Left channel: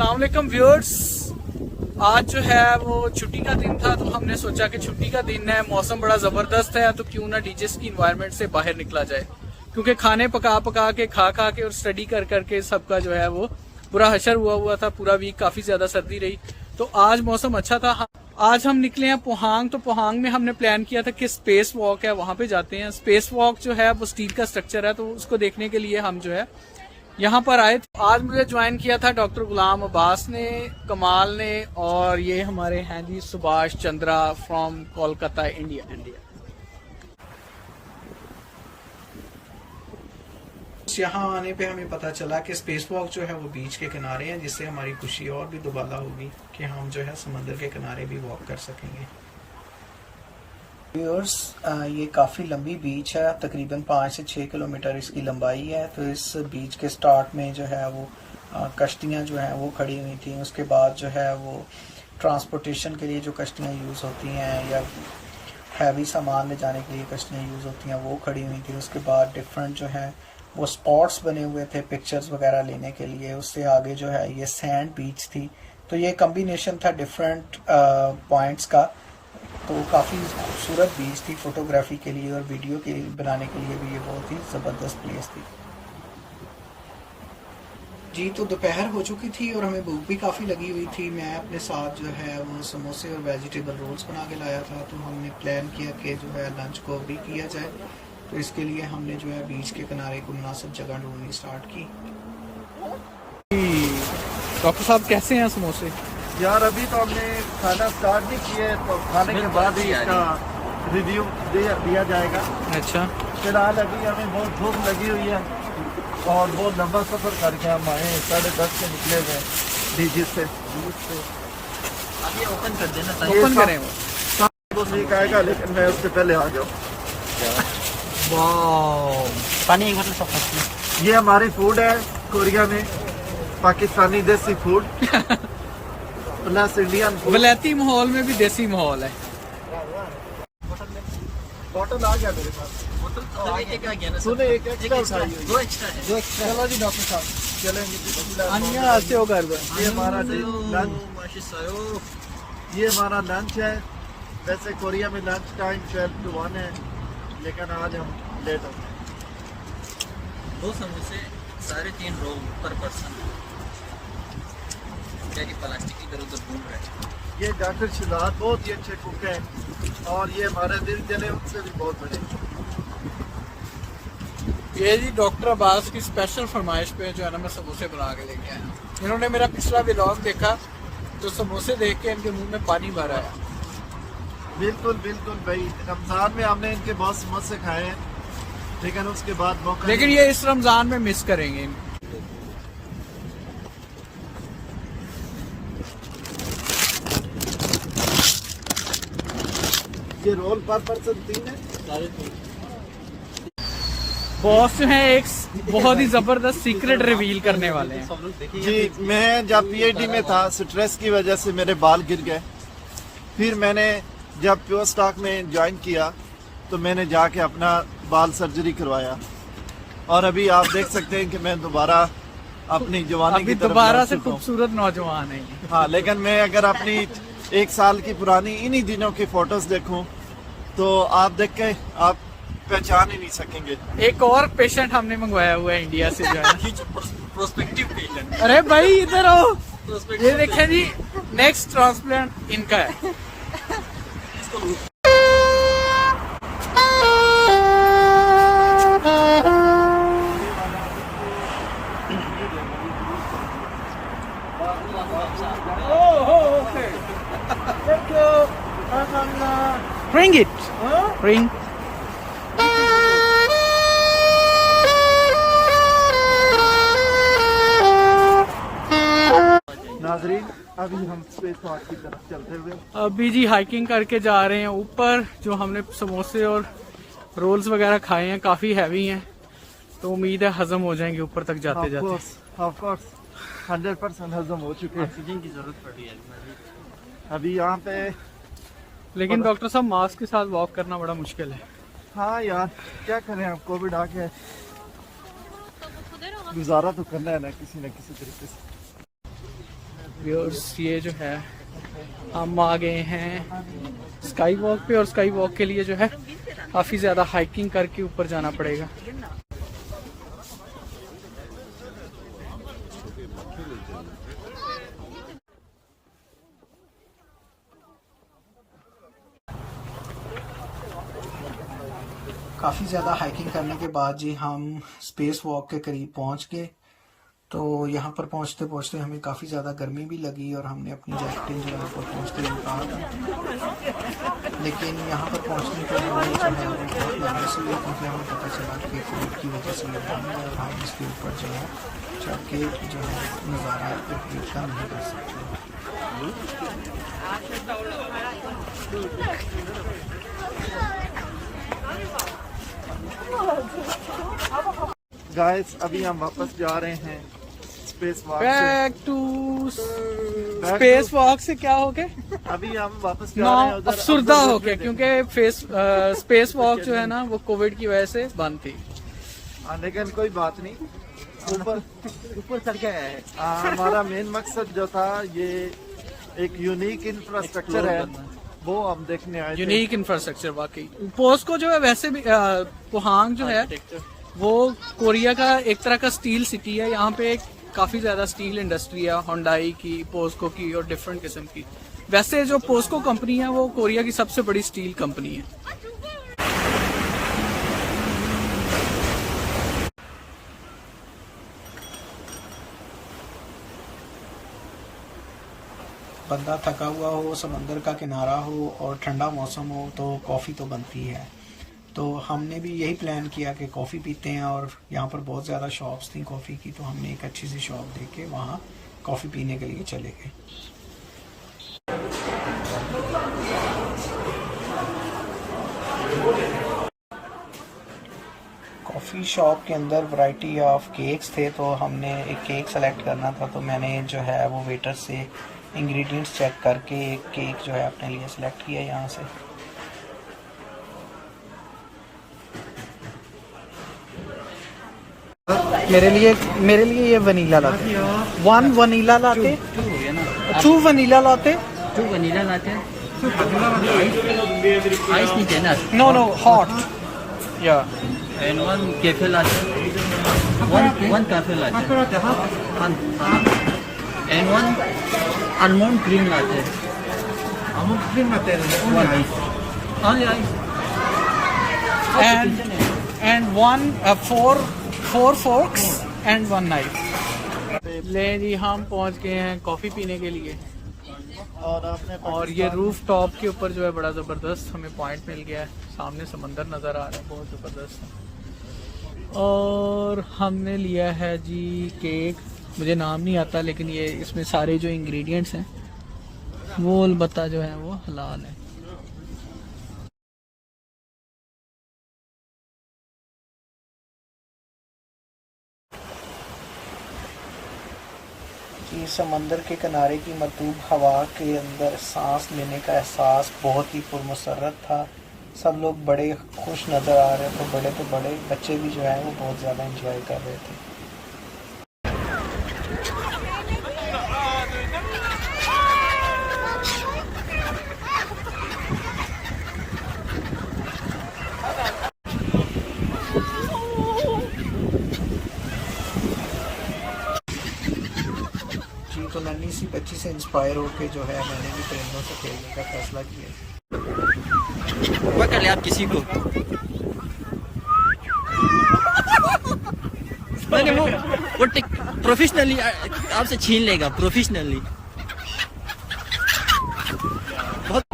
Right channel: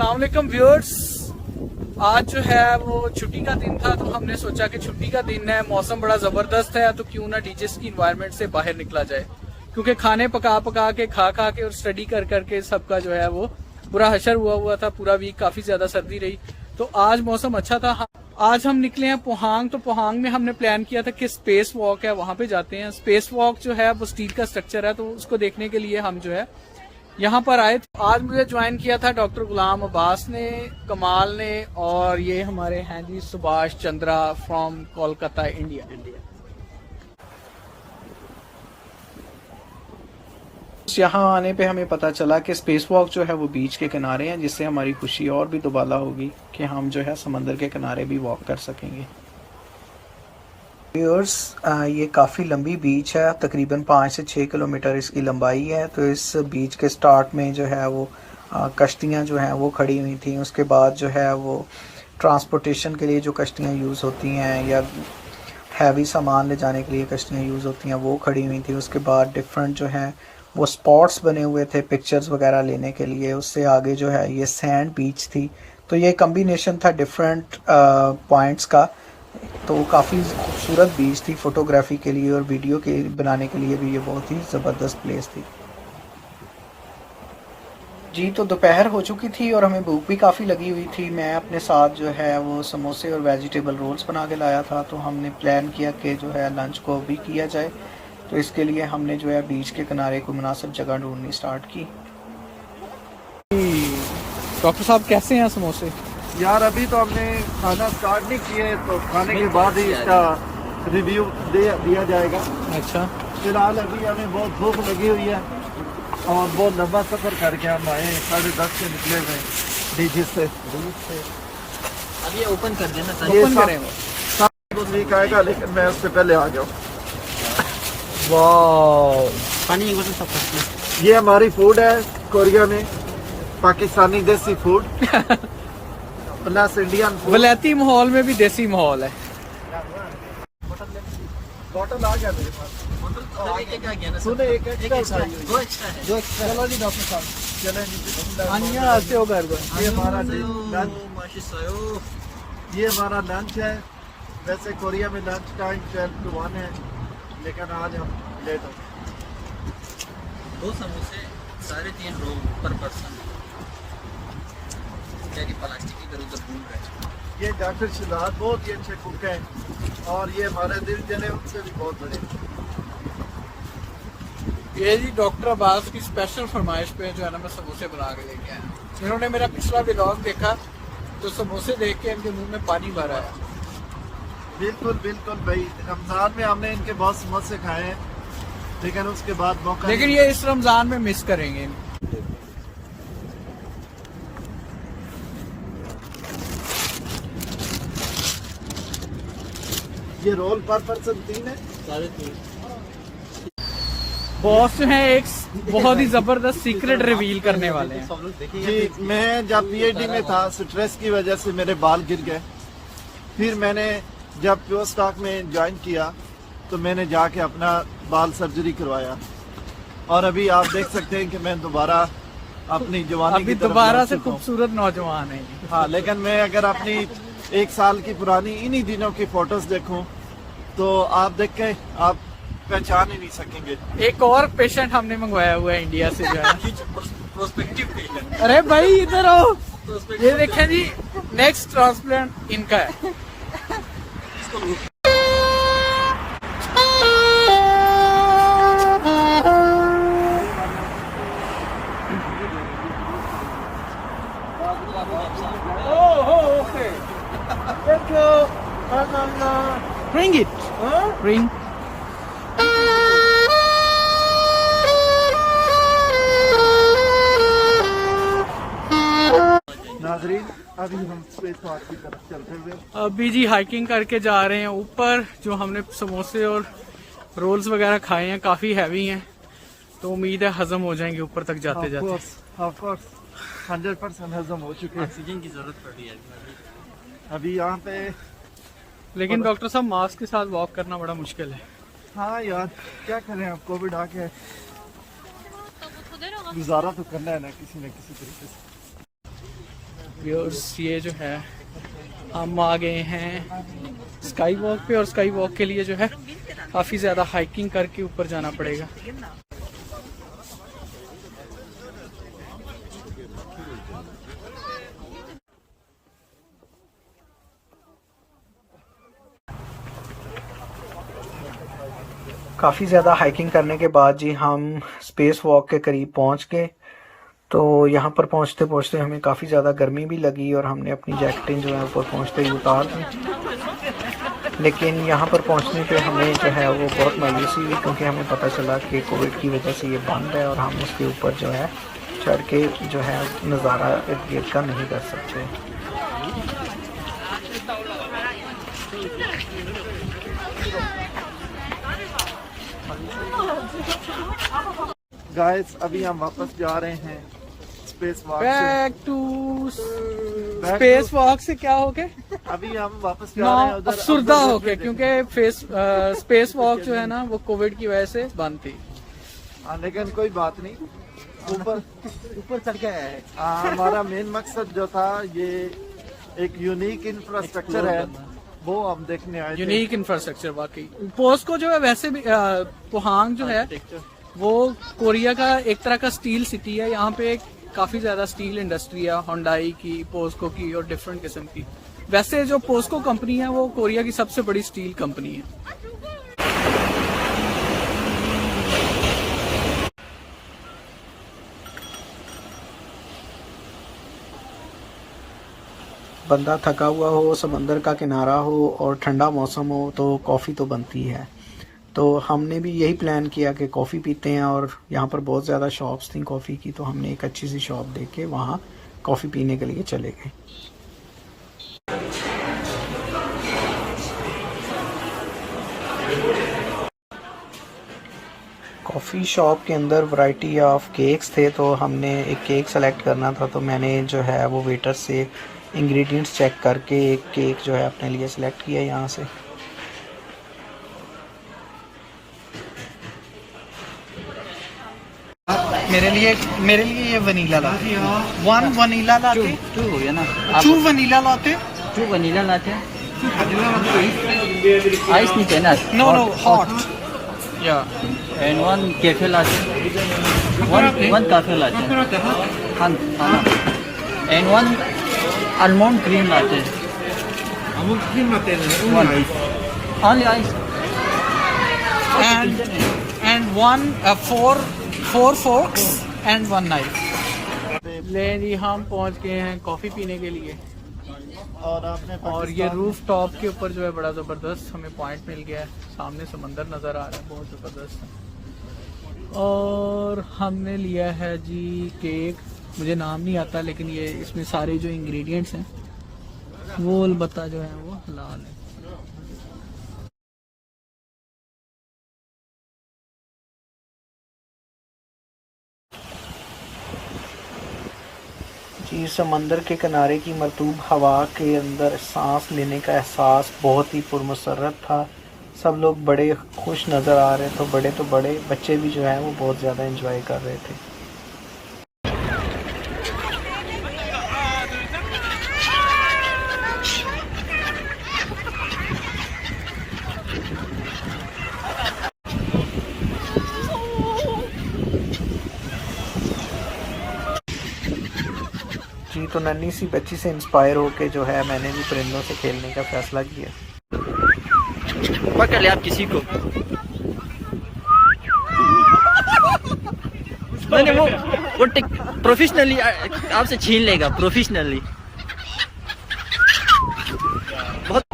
अस्सलाम वालेकुम व्यूअर्स। आज जो है वो छुट्टी का दिन था, तो हमने सोचा कि छुट्टी का दिन है, मौसम बड़ा जबरदस्त है, तो क्यों ना डीजेस की इन्वायरमेंट से बाहर निकला जाए। क्योंकि खाने पका पका के, खा खा के और स्टडी कर करके सबका जो है वो पूरा हशर हुआ था। पूरा वीक काफी ज्यादा सर्दी रही, तो आज मौसम अच्छा था। आज हम निकले हैं पोहांग। तो पोहांग में हमने प्लान किया था कि स्पेस वॉक है, वहां पे जाते हैं। स्पेस वॉक जो है वो स्टील का स्ट्रक्चर है, तो उसको देखने के लिए हम जो है यहाँ पर आए। तो आज मुझे ज्वाइन किया था डॉक्टर गुलाम अब्बास ने, कमाल ने, और ये हमारे हैं जी सुभाष चंद्रा फ्रॉम कोलकाता इंडिया। यहाँ आने पे हमें पता चला कि स्पेस वॉक जो है वो बीच के किनारे हैं, जिससे हमारी खुशी और भी दुबाला होगी कि हम जो है समंदर के किनारे भी वॉक कर सकेंगे। व्यूअर्स, ये काफ़ी लंबी बीच है, तकरीबन 5 से 6 किलोमीटर इसकी लंबाई है। तो इस बीच के स्टार्ट में जो है वो कश्तियाँ जो हैं वो खड़ी हुई थी। उसके बाद जो है वो ट्रांसपोर्टेशन के लिए जो कश्तियाँ यूज़ होती हैं या हैवी सामान ले जाने के लिए कश्तियाँ यूज़ होती हैं वो खड़ी हुई थी। उसके बाद डिफरेंट जो है वो स्पॉट्स बने हुए थे पिक्चर्स वगैरह लेने के लिए। उससे आगे जो है ये सैंड बीच थी। तो ये कम्बिनेशन था डिफरेंट पॉइंट्स का। तो काफ़ी खूबसूरत बीच थी फोटोग्राफी के लिए, और वीडियो के बनाने के लिए भी ये बहुत ही ज़बरदस्त प्लेस थी जी। तो दोपहर हो चुकी थी और हमें भूख भी काफ़ी लगी हुई थी। मैं अपने साथ जो है वो समोसे और वेजिटेबल रोल्स बना के लाया था। तो हमने प्लान किया कि जो है लंच को भी किया जाए। तो इसके लिए हमने जो है बीच के किनारे को मुनासिब जगह ढूंढनी स्टार्ट की। डॉक्टर साहब कैसे हैं समोसे? यार अभी तो हमने खाना स्टार्ट नहीं किया है, तो खाने के बाद ही इसका रिव्यू दिया जाएगा। अच्छा, फिलहाल अभी हमें बहुत भूख लगी हुई है और बहुत लंबा सफर करके हम आए। 10:30 से निकले हुए डीजी से। अब ये ओपन कर देना, ओपन करें वो ठीक आएगा, लेकिन मैं उससे पहले आ गया। वाह, पानी एक बोतल सब। ये हमारी फूड है कोरिया में, पाकिस्तानी देसी फूड प्लस इंडियन फूड। वलैती माहौल में भी देसी माहौल है। बॉटल आ गया मेरे पास। एक आ गया ना, सुने एक एक्स्ट्रा है, दो एक्स्ट्रा है। चलो जी डॉक्टर साहब, चलें जी। आते हो कर दो। ये हमारा लंच, ये हमारा लंच है। वैसे कोरिया में लंच टाइम 12 to 1 है, लेकिन आज हम लेट हो गए। 2 समोसे 3.5 रोल पर पर्सन। क्या कि प्लास्टिक की इधर उधर घूम रहा है। ये डॉक्टर शिदात बहुत ही अच्छे कुक हैं, और ये हमारे दिल चले उनसे भी बहुत बड़े। ये जी डॉक्टर अब्बास की स्पेशल फरमाइश पे जो है ना मैं समोसे बना के लेके आया। इन्होंने मेरा पिछला व्लॉग देखा तो समोसे देख के इनके मुंह में पानी भर आया। बिल्कुल बिल्कुल भाई, रमजान में हमने इनके बहुत समोसे खाए हैं, लेकिन उसके बाद मौका लेकिन नहीं। ये इस रमजान में मिस करेंगे। ये रोल पर पर्सन 3 है। बॉस जो है एक बहुत ही जबरदस्त सीक्रेट रिवील करने वाले हैं जी। मैं जब पीएचडी में था, स्ट्रेस की वजह से मेरे बाल गिर गए। फिर मैंने जब प्योर स्टॉक में ज्वाइन किया तो मैंने जाके अपना बाल सर्जरी करवाया, और अभी आप देख सकते हैं कि मैं दोबारा अपनी जवानी अभी की तरफ दोबारा लौट से चुका हूं। खूबसूरत नौजवान है। हाँ, लेकिन मैं अगर अपनी 1 साल की पुरानी इन्हीं दिनों की फोटोज देखूं तो आप देख के आप पहचान ही नहीं सकेंगे। एक और पेशेंट हमने मंगवाया हुआ है इंडिया से जो है। Prospective patient. अरे भाई इधर आओ, ये देखें जी, नेक्स्ट ट्रांसप्लांट इनका है। Okay. Thank you. Bring it. Bring. नाजरीन, अभी हम स्पेस वॉक की तरफ चलते हुए अभी जी हाइकिंग करके जा रहे हैं ऊपर। जो हमने समोसे और रोल्स वगैरह खाए हैं काफी हैवी हैं, तो उम्मीद है हजम हो जाएंगे ऊपर तक जाते जाते। ऑफ कोर्स 100% हजम हो चुके हैं। ऑक्सीजन की जरूरत पड़ रही है अभी यहाँ पे। लेकिन डॉक्टर साहब मास्क के साथ वॉक करना बड़ा मुश्किल है। हाँ यार, क्या करें, अब कोविड आ गया, गुजारा तो करना है ना किसी तरीके से। व्यूअर्स ये जो है हम आ गए हैं स्काई वॉक पे, और स्काई वॉक के लिए जो है काफ़ी ज़्यादा हाइकिंग करके ऊपर जाना पड़ेगा। काफ़ी ज़्यादा हाइकिंग करने के बाद जी हम स्पेस वॉक के करीब पहुंच गए। तो यहाँ पर पहुँचते पहुँचते हमें काफ़ी ज़्यादा गर्मी भी लगी और हमने अपनी जैकेटें जो है ऊपर पहुँचते ही उतार दी। लेकिन यहाँ पर पहुँचने पे हमें जो है वो बहुत मायूसी हुई, क्योंकि हमें पता चला कि कोविड की वजह से ये बंद है और हम उसके ऊपर जो है चढ़ के जो है नज़ारा इर्द गिर्द का नहीं कर सकते। गाइस अभी हम वापस जा रहे हैं स्पेस वॉक से। बैक टू स्पेस वॉक से क्या हो गए? अभी हम वापस जा रहे हैं उधर अफसुर्दा हो गए, देखने। क्योंकि स्पेस वॉक जो है ना वो कोविड की वजह से बंद थी। लेकिन कोई बात नहीं, ऊपर चढ़ के आया है। हमारा मेन मकसद जो था ये एक यूनिक इंफ्रास्ट्रक्चर है, वो हम देखने आए थे। यूनिक इंफ्रास्ट्रक्चर वाकई। पोस्को जो है वैसे भी पोहांग जो है वो कोरिया का एक तरह का स्टील सिटी है। यहाँ पे काफी ज्यादा स्टील इंडस्ट्री है, होंडाई की, पोस्को की और डिफरेंट किस्म की। वैसे जो पोस्को कंपनी है वो कोरिया की सबसे बड़ी स्टील कंपनी है। बंदा थका हुआ हो, समंदर का किनारा हो और ठंडा मौसम हो तो कॉफ़ी तो बनती है। तो हमने भी यही प्लान किया कि कॉफ़ी पीते हैं, और यहाँ पर बहुत ज़्यादा शॉप्स थी कॉफ़ी की, तो हमने एक अच्छी सी शॉप देख के वहाँ कॉफ़ी पीने के लिए चले गए। कॉफ़ी शॉप के अंदर वैरायटी ऑफ केक्स थे, तो हमने एक केक सेलेक्ट करना था। तो मैंने जो है वो वेटर से इंग्रेडिएंट्स चेक करके एक केक जो है अपने लिए सिलेक्ट किया यहाँ से। मेरे लिए ये vanilla latte. One vanilla latte, two vanilla latte, two vanilla latte. Ice नहीं देना। नो हॉट या and one cafe latte. One cafe latte. And one almond cream latte. Almond cream latte and only ice. Only ice. and one four forks and one knife. ले जी हम पहुंच गए हैं coffee पीने के लिए, और ये रूफ टॉप के ऊपर जो है बड़ा जबरदस्त हमें पॉइंट मिल गया है। सामने समंदर नजर आ रहा है, बहुत जबरदस्त है। और हमने लिया है जी केक, मुझे नाम नहीं आता, लेकिन ये इसमें सारे जो इंग्रेडिएंट्स हैं वो अलबत्ता जो है वो हलाल है। जी समंदर के किनारे की मरतूब हवा के अंदर सांस लेने का एहसास बहुत ही पुरमसरत था। सब लोग बड़े खुश नज़र आ रहे थे, तो बड़े बच्चे भी जो हैं वो बहुत ज़्यादा एंजॉय कर रहे थे। जी तो नन्ही सी बच्ची से इंस्पायर होके जो है मैंने भी परिंदों से खेलने का फैसला किया। पकड़ ले आप किसी को। नहीं वो प्रोफेशनली आपसे छीन लेगा, प्रोफेशनली। बहुत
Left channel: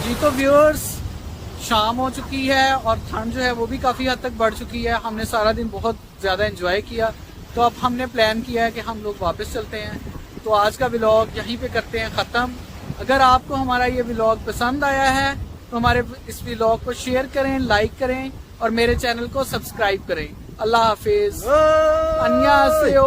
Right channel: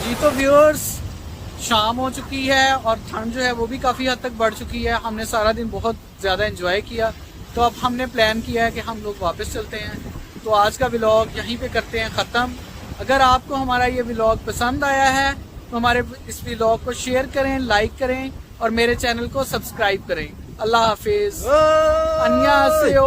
जी तो व्यूअर्स शाम हो चुकी है और ठंड जो है वो भी काफ़ी हद तक बढ़ चुकी है। हमने सारा दिन बहुत ज़्यादा एंजॉय किया, तो अब हमने प्लान किया है कि हम लोग वापस चलते हैं। तो आज का व्लॉग यहीं पे करते हैं ख़त्म। अगर आपको हमारा ये व्लॉग पसंद आया है तो हमारे इस व्लॉग को शेयर करें, लाइक करें और मेरे चैनल को सब्सक्राइब करें। अल्लाह हाफिज अन्यासेओ